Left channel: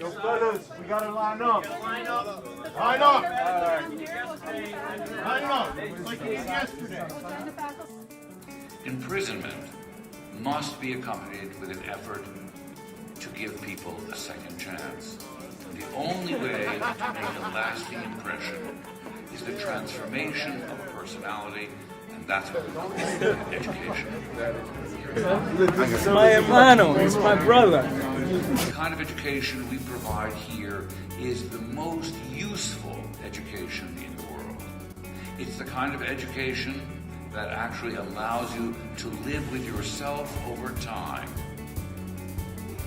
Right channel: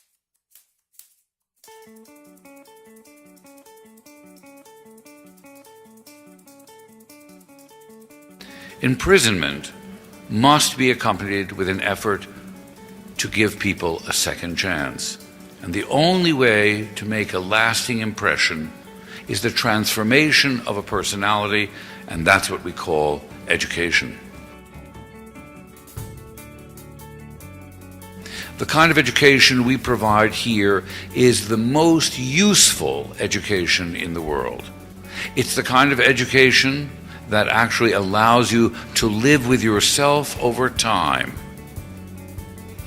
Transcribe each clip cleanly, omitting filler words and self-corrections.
So fellas, we gotta line up. Line up. Line up. Line up. Like it was yesterday. Imprisonment must be accompanied with an effort to give people a second chance. And the only way to make a lasting impression is the transformation of a personality, and that's what we call education. It's my hermano, it's my brother. The kind of education we provide here is the most useful education in the world. It's the kind of education that actually allows you to live with yourself over time.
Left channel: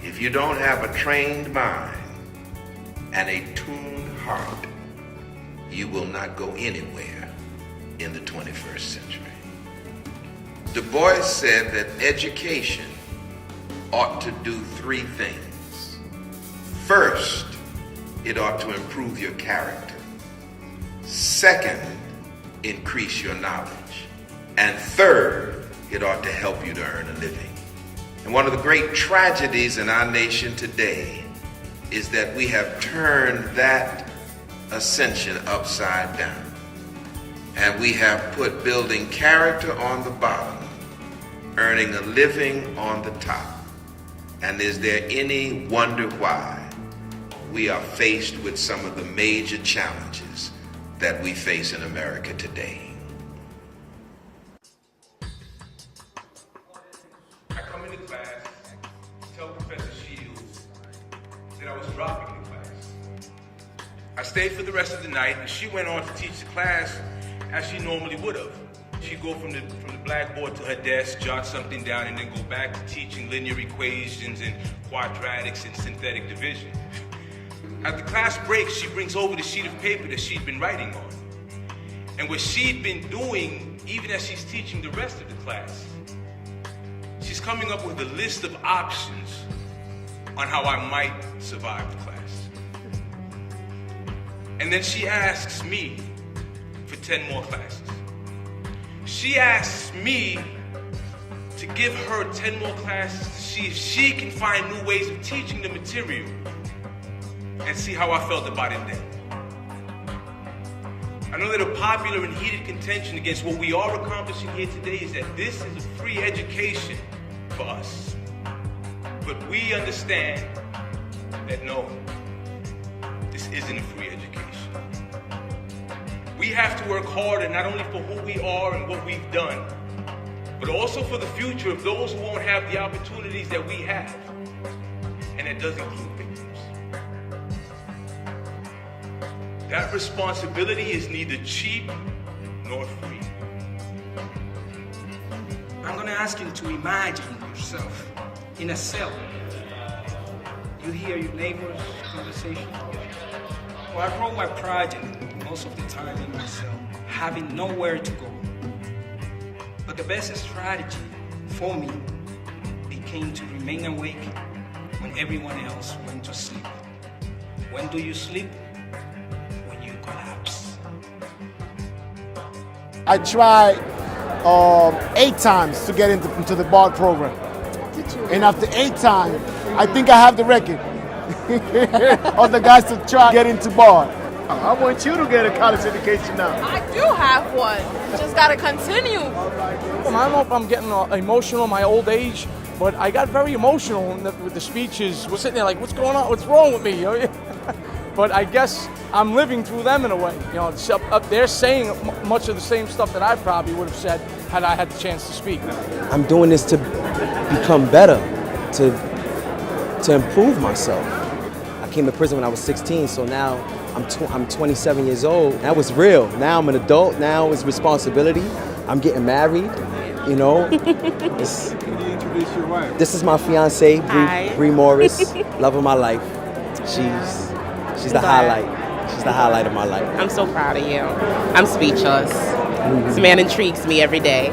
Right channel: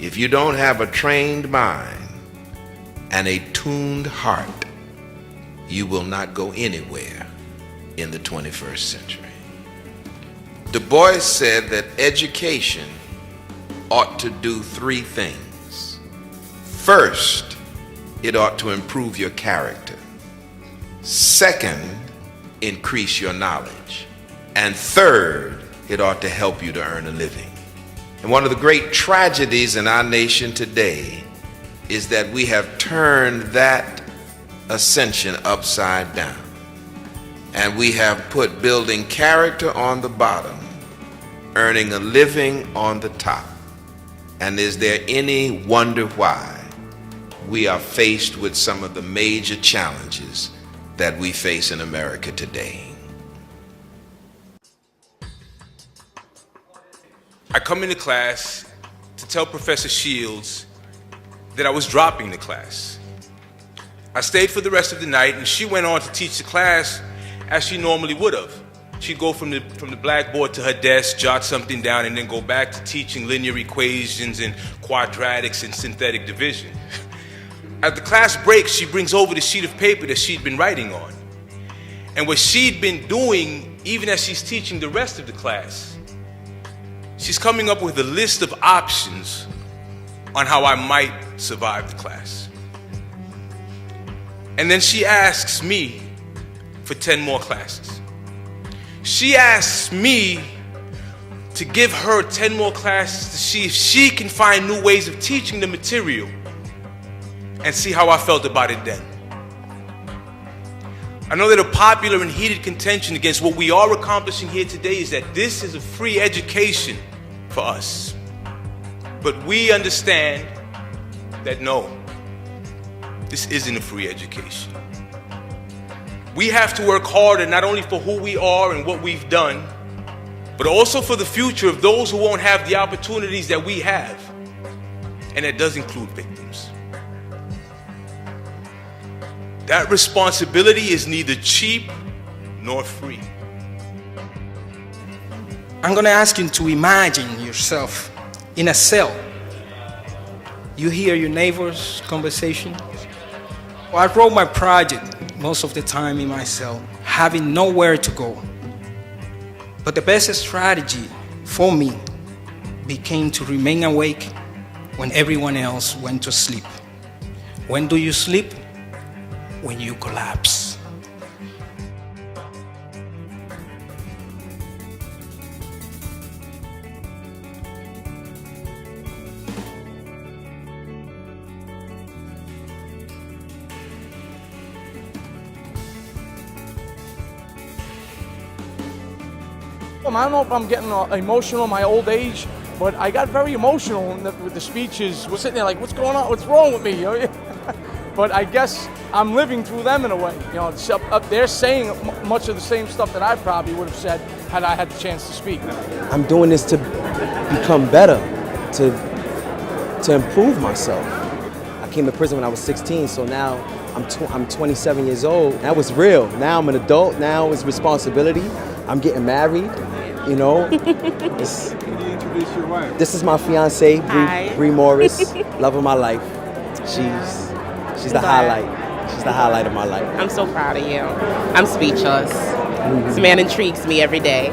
If you don't have a trained mind and a tuned heart, you will not go anywhere in the 21st century. Du Bois said that education ought to do three things. First, it ought to improve your character. Second, increase your knowledge. And third, it ought to help you to earn a living. And one of the great tragedies in our nation today is that we have turned that ascension upside down. And we have put building character on the bottom, earning a living on the top. And is there any wonder why we are faced with some of the major challenges that we face in America today? I come into class to tell Professor Shields that I was dropping the class. I stayed for the rest of the night, and she went on to teach the class as she normally would have. She'd go from the blackboard to her desk, jot something down, and then go back to teaching linear equations and quadratics and synthetic division. At the class break, she brings over the sheet of paper that she'd been writing on. And what she'd been doing, even as she's teaching the rest of the class, she's coming up with a list of options on how I might survive the class. And then she asks me for 10 more classes. She asks me to give her 10 more classes to see if she can find new ways of teaching the material and see how I felt about it then. I know that a popular and heated contention against what we are accomplishing here today is that this is a free education for us. But we understand that no, this isn't a free education. We have to work harder not only for who we are and what we've done, but also for the future of those who won't have the opportunities that we have. And that does include victims. That responsibility is neither cheap nor free. I'm gonna ask you to imagine yourself in a cell. You hear your neighbor's conversation. Well, I wrote my project most of the time in my cell, having nowhere to go. But the best strategy for me became to remain awake when everyone else went to sleep. When do you sleep? When you collapse. I tried 8 times to get into the bar program. And after 8 times, I think I have the record of the guys to try to get into bar. I want you to get a college education now. I do have one. Just gotta continue. I don't know if I'm getting emotional in my old age, but I got very emotional with the speeches. We're sitting there like, what's going on? What's wrong with me? But I guess I'm living through them in a way. You know, it's up there saying much of the same stuff that I probably would have said had I had the chance to speak. I'm doing this to become better, to improve myself. I came to prison when I was 16, so now I'm 27 years old. That was real. Now I'm an adult. Now it's responsibility. I'm getting married. You know. Can you introduce your wife? This is my fiance, Bree Morris. Love of my life. She's the highlight. She's the highlight of my life. I'm so proud of you. I'm speechless. This man intrigues me every day.